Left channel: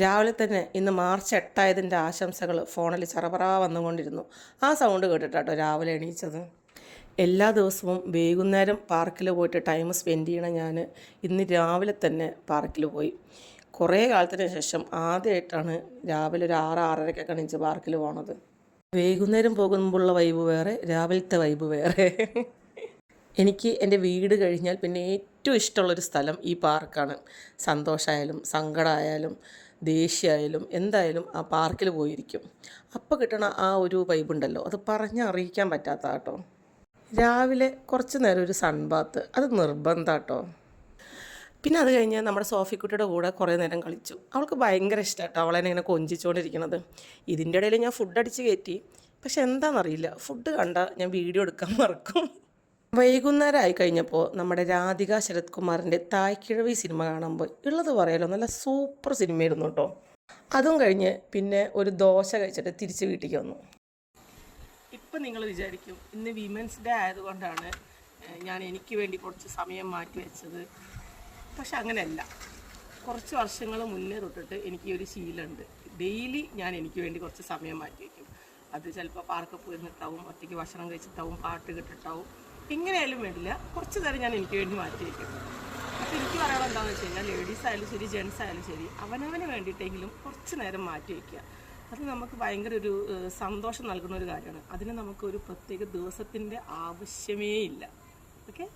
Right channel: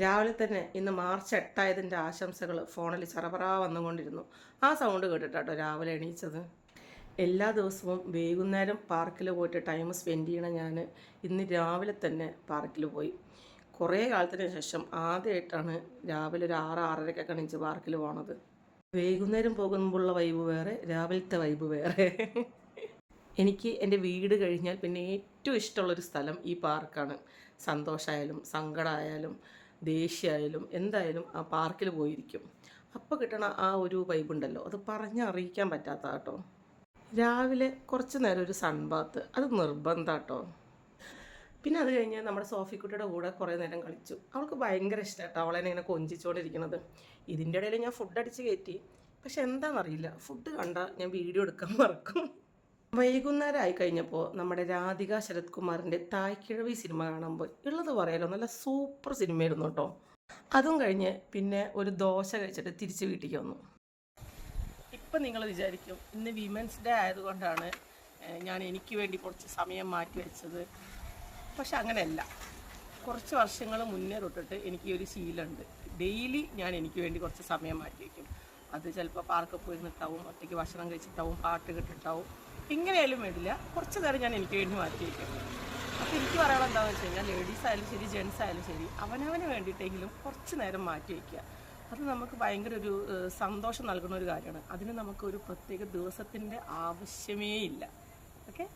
രാവിലെ തന്നെ ഇന്ന് മാർച്ച് 8 ആശംസകൾ ഫോണിൽ ചറപറാ വന്നുകൊണ്ടിരുന്നു. ആ സൗണ്ട് കേട്ടിട്ടാട്ടോ രാവിലെ എണീച്ചത്. എല്ലാ ദിവസവും വൈകുന്നേരം പാർക്കിൽ പോയിട്ട് ടൈം സ്പെൻഡ് ചെയ്യണം ഞാൻ ഇന്ന് രാവിലെ തന്നെ പാർക്കിൽ പോയി. കുറേ കാലത്തിന് ശേഷം ആദ്യമായിട്ടാണ് രാവിലെ ഒരു 6-6:30 എണീച്ച് പാർക്കിൽ പോണത്. വൈകുന്നേരം പോകുമ്പോഴുള്ള വൈബ് വേറെ, രാവിലത്തെ വൈബ് വേറെ. എനിക്ക് എൻ്റെ വീട് കഴിഞ്ഞാൽ പിന്നെ ഏറ്റവും ഇഷ്ടമുള്ളൊരു സ്ഥലം ഈ പാർക്കാണ്. സന്തോഷമായാലും സങ്കടമായാലും ദേഷ്യമായാലും എന്തായാലും ആ പാർക്കിൽ പോയിരിക്കും. അപ്പോൾ കിട്ടണ ആ ഒരു വൈബുണ്ടല്ലോ, അത് പറഞ്ഞറിയിക്കാൻ പറ്റാത്ത കേട്ടോ. രാവിലെ കുറച്ച് നേരം ഒരു സൺബാത്ത് അത് നിർബന്ധം കേട്ടോ. പിന്നെ അത് കഴിഞ്ഞ് നമ്മുടെ സോഫിക്കുട്ടിയുടെ കൂടെ കുറേ നേരം കളിച്ചു. അവൾക്ക് ഭയങ്കര ഇഷ്ടമാണ് കേട്ടോ അവളെന്നെ ഇങ്ങനെ കൊഞ്ചിച്ചുകൊണ്ടിരിക്കുന്നത്. ഇതിൻ്റെ ഇടയിൽ ഞാൻ ഫുഡ് അടിച്ച് കയറ്റി. പക്ഷെ എന്താണെന്നറിയില്ല, ഫുഡ് കണ്ടാൽ ഞാൻ വീഡിയോ എടുക്കാൻ മറക്കും. വൈകുന്നേരം ആയി കഴിഞ്ഞപ്പോൾ നമ്മുടെ രാധിക ശരത് കുമാറിൻ്റെ തായ്ക്കിഴവി സിനിമ കാണാൻ പോയി. ഉള്ളത് പറയാലോ, നല്ല സൂപ്പർ സിനിമയായിരുന്നു കേട്ടോ. അതും കഴിഞ്ഞ് പിന്നെ ഒരു ദോശ കഴിച്ചിട്ട് തിരിച്ച് വീട്ടിലേക്ക് വന്നു. ഇപ്പം നിങ്ങൾ വിചാരിക്കും ഇന്ന് വിമൻസ് ഡേ ആയതുകൊണ്ടാണ് ഞാൻ എനിക്ക് വേണ്ടി കുറച്ച് സമയം മാറ്റി വെച്ചത്. പക്ഷെ അങ്ങനെയല്ല. കുറച്ച് വർഷങ്ങൾ മുന്നേ തൊട്ടിട്ട് എനിക്ക് ഒരു ശീലമുണ്ട്. ഡെയിലി ഞാൻ എനിക്ക് വേണ്ടി കുറച്ച് സമയം മാറ്റി വയ്ക്കും. അത് ചിലപ്പോൾ പാർക്കിൽ പോയിരുന്നിട്ടാവും, ഒറ്റയ്ക്ക് ഭക്ഷണം കഴിച്ചിട്ടാവും, പാട്ട് കേട്ടിട്ടാവും. എങ്ങനെയായാലും വേണ്ടില്ല, കുറച്ച് നേരം ഞാൻ എനിക്ക് വേണ്ടി മാറ്റി വയ്ക്കും. അപ്പോൾ എനിക്ക് പറയാനുള്ള എന്താണെന്ന് വെച്ച് കഴിഞ്ഞാൽ ലേഡീസ് ആയാലും ശരി ജെൻസ് ആയാലും ശരി അവനവന് വേണ്ടിയിട്ടെങ്കിലും കുറച്ച് നേരം മാറ്റി വയ്ക്കുക. അത് നമുക്ക് ഭയങ്കര ഒരു സന്തോഷം നൽകുന്ന ഒരു കാര്യമാണ്. അതിന് നമുക്ക് ഒരു പ്രത്യേക ദിവസത്തിൻ്റെ ആവശ്യമേ ഇല്ല. ഓക്കെ.